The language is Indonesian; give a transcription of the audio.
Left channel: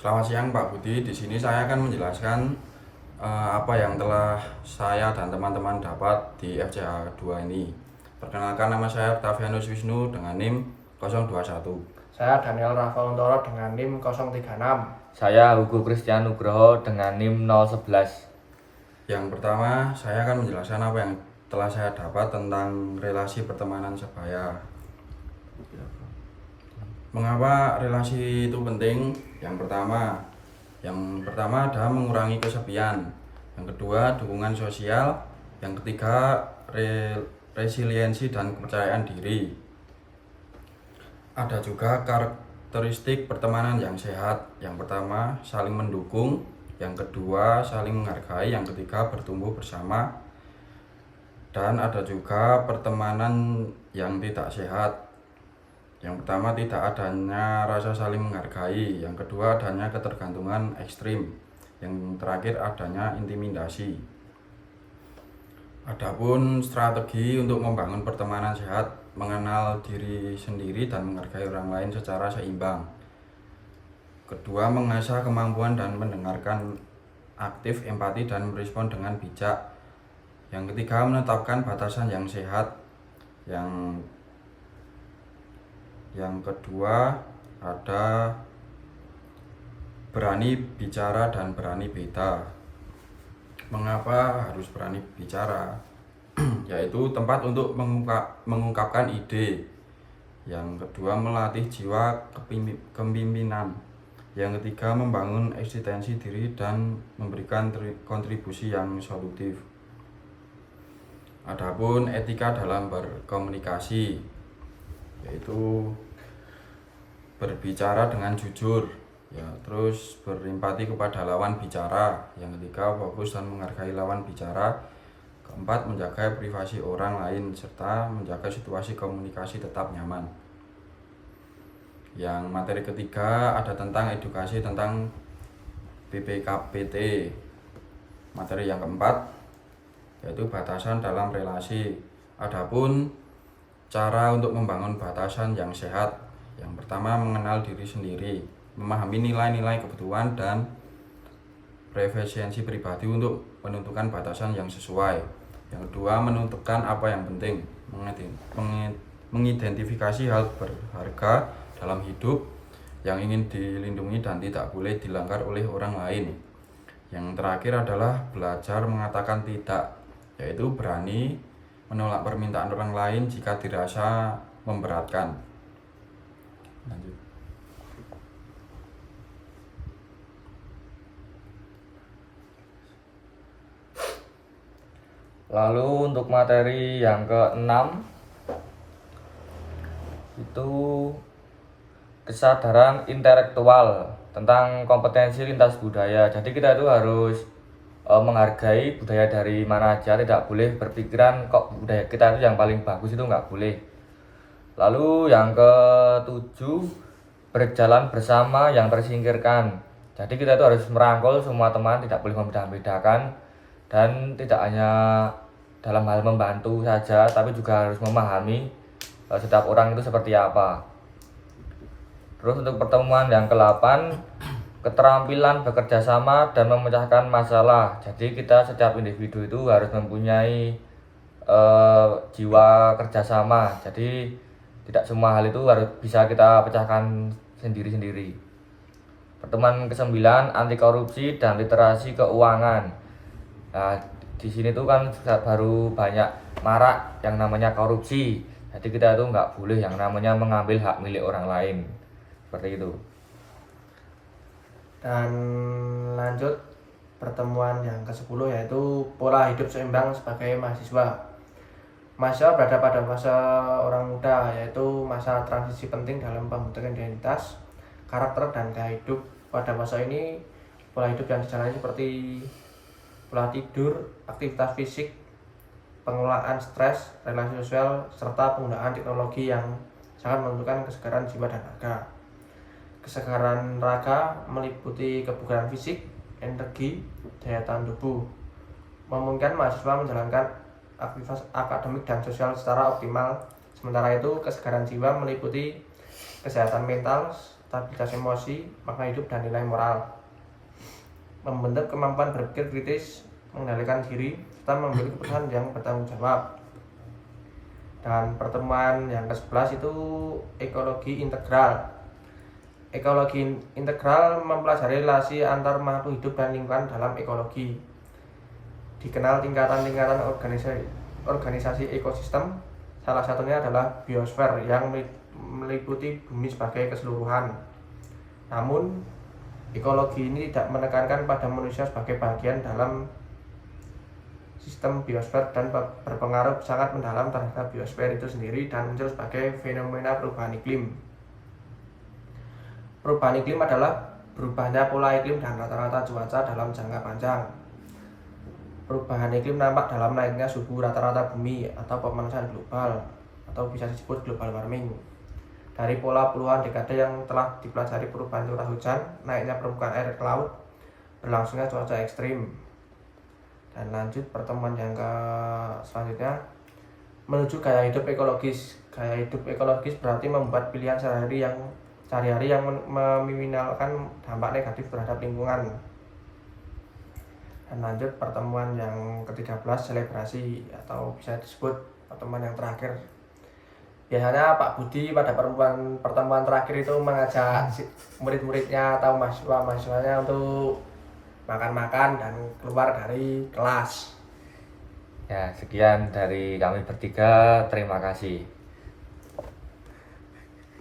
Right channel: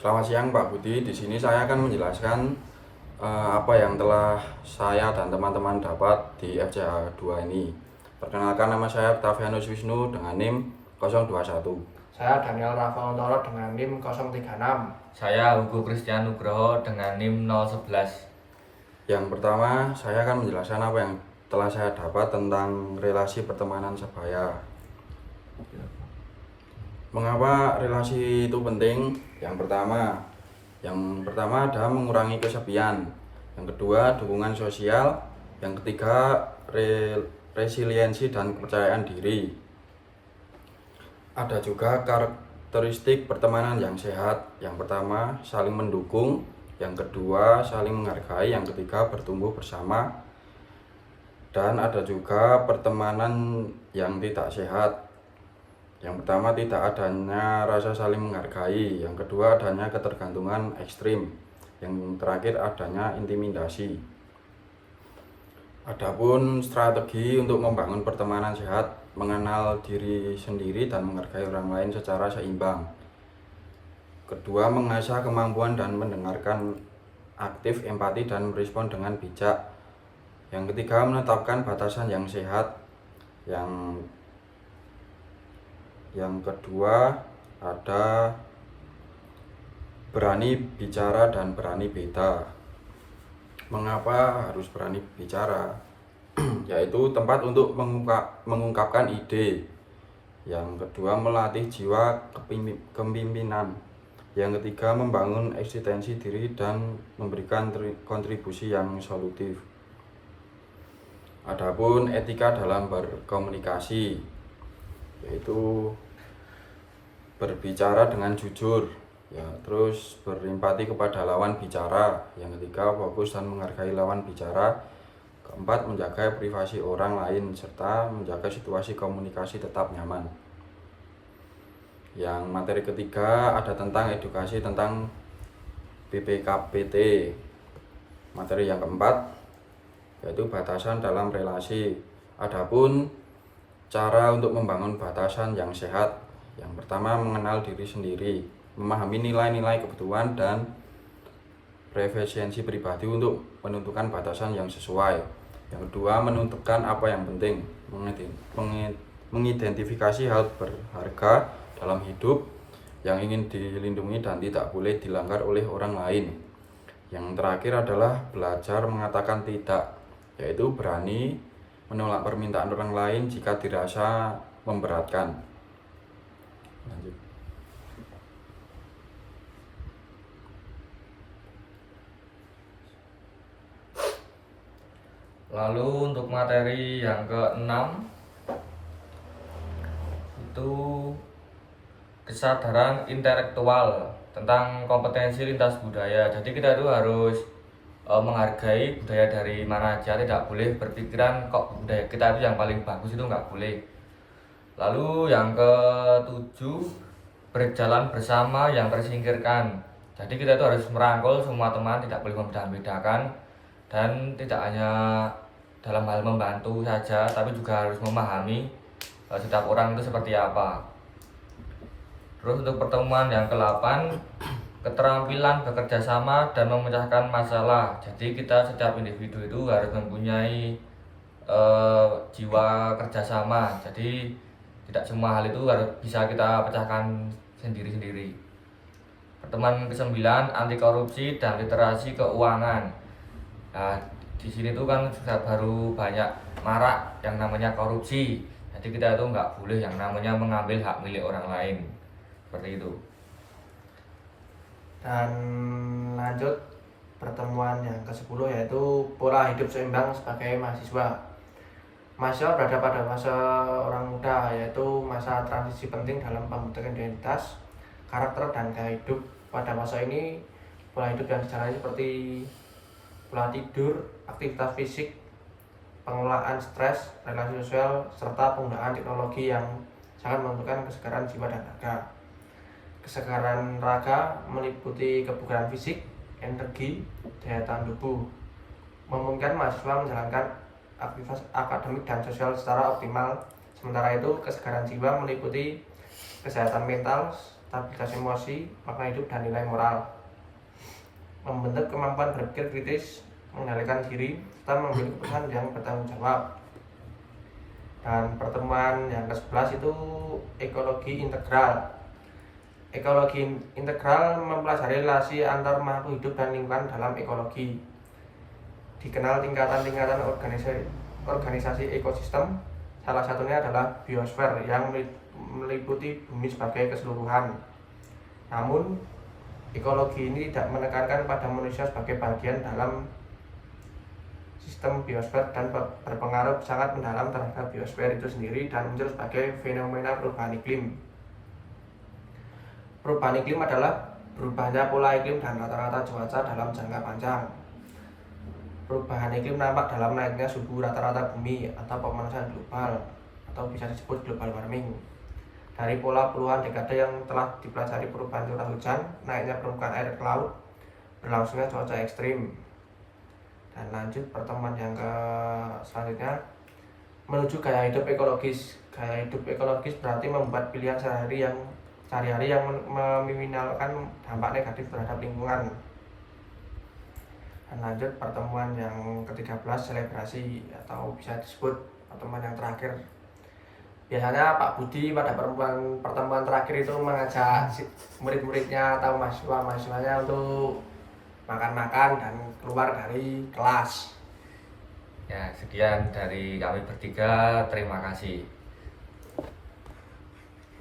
Selamat siang Pak Budi. Di sini saya akan menjelaskan apa yang telah saya dan teman-teman dapat di FCA 2 ini. Perkenalkan, nama saya Octavianus Wisnu dengan NIM 021. Saya Daniel Rafael dengan NIM 036. Saya Hugo Christian Nugroho dengan NIM 011. Yang pertama, saya akan menjelaskan apa yang telah saya dapat tentang relasi pertemanan sebaya. Mengapa relasi itu penting? Yang pertama adalah mengurangi kesepian. Yang kedua, dukungan sosial. Yang ketiga, resiliensi dan kepercayaan diri. Ada juga karakteristik pertemanan yang sehat. Yang pertama, saling mendukung. Yang kedua, saling menghargai. Yang ketiga, bertumbuh bersama. Dan ada juga pertemanan yang tidak sehat. Yang pertama, tidak adanya rasa saling menghargai. Yang kedua, adanya ketergantungan ekstrim. Yang terakhir, adanya intimidasi. Adapun strategi untuk membangun pertemanan sehat, mengenal diri sendiri dan menghargai orang lain secara seimbang. Kedua, mengasah kemampuan dan mendengarkan aktif, empati dan merespon dengan bijak. Yang ketiga, menetapkan batasan yang sehat. Yang kedua ada berani bicara dan berani beda. Mengapa harus berani bicara? Yaitu tempat untuk mengungkapkan ide. Yang kedua, melatih jiwa kepemimpinan. Yang ketiga, membangun eksistensi diri dan memberikan kontribusi yang solutif. Adapun etika dalam berkomunikasi, yaitu berbicara dengan jujur, terus berempati kepada lawan bicara. Yang ketiga, fokus dan menghargai lawan bicara. Keempat, menjaga privasi orang lain serta menjaga situasi komunikasi tetap nyaman. Yang materi ketiga ada tentang edukasi tentang PPKPT. Materi yang keempat yaitu batasan dalam relasi. Adapun cara untuk membangun batasan yang sehat. Yang pertama, mengenal diri sendiri, memahami nilai-nilai kebutuhan dan preferensi pribadi untuk menentukan batasan yang sesuai. Yang kedua, menentukan apa yang penting, mengidentifikasi hal berharga dalam hidup yang ingin dilindungi dan tidak boleh dilanggar oleh orang lain. Yang terakhir adalah belajar mengatakan tidak, yaitu berani menolak permintaan orang lain jika dirasa memberatkan. Lanjut. Lalu untuk materi yang ke-6 itu kesadaran intelektual tentang kompetensi lintas budaya. Jadi kita itu harus menghargai budaya dari mana aja, tidak boleh berpikiran kok budaya kita itu yang paling bagus, itu nggak boleh. Lalu yang ke-7, berjalan bersama yang tersingkirkan. Jadi kita itu harus merangkul semua teman, tidak boleh membedakan, dan tidak hanya dalam hal membantu saja, tapi juga harus memahami setiap orang itu seperti apa. Terus untuk pertemuan yang ke-8, keterampilan bekerja sama dan memecahkan masalah. Jadi kita setiap individu itu harus mempunyai jiwa kerjasama. Jadi tidak semua hal itu harus bisa kita pecahkan sendiri-sendiri. Pertemuan ke-9, anti korupsi dan literasi keuangan. Nah, di sini tuh kan baru banyak marak yang namanya korupsi. Jadi kita itu nggak boleh yang namanya mengambil hak milik orang lain. Seperti itu. Dan lanjut pertemuan yang ke-10 yaitu pola hidup seimbang sebagai mahasiswa. Mahasiswa berada pada masa orang muda, yaitu masa transisi penting dalam pembentukan identitas, karakter, dan gaya hidup. Pada masa ini, pola hidup yang dijalani seperti pola tidur, aktivitas fisik, pengelolaan stres, relasi sosial, serta penggunaan teknologi yang sangat menentukan kesegaran jiwa dan raga. Kesegaran raga meliputi kebugaran fisik, energi, daya tahan tubuh, memungkinkan mahasiswa menjalankan aktivitas akademik dan sosial secara optimal. Sementara itu, kesegaran jiwa meliputi kesehatan mental, stabilitas emosi, makna hidup, dan nilai moral. Membentuk kemampuan berpikir kritis, mengendalikan diri, serta mengambil keputusan yang bertanggung jawab. Dan pertemuan yang ke-11 itu ekologi integral. Ekologi integral mempelajari relasi antar makhluk hidup dan lingkungan dalam ekologi. Dikenal tingkatan-tingkatan organisasi ekosistem, salah satunya adalah biosfer yang meliputi bumi sebagai keseluruhan. Namun, ekologi ini tidak menekankan pada manusia sebagai bagian dalam sistem biosfer dan berpengaruh sangat mendalam terhadap biosfer itu sendiri dan muncul sebagai fenomena perubahan iklim. Perubahan iklim adalah berubahnya pola iklim dan rata-rata cuaca dalam jangka panjang. Perubahan iklim nampak dalam naiknya suhu rata-rata bumi atau pemanasan global atau bisa disebut global warming. Dari pola puluhan dekade yang telah dipelajari perubahan curah hujan, naiknya permukaan air ke laut, berlangsungnya cuaca ekstrim. Dan lanjut pertemuan yang selanjutnya menuju gaya hidup ekologis. Gaya hidup ekologis berarti membuat pilihan sehari-hari yang meminimalkan dampak negatif terhadap lingkungan. Dan lanjut pertemuan yang ke-13 selebrasi atau bisa disebut pertemuan yang terakhir. Biasanya Pak Budi pada pertemuan terakhir itu mengajak murid-muridnya atau mahasiswanya untuk makan-makan dan keluar dari kelas. Ya, sekian dari kami bertiga. Terima kasih.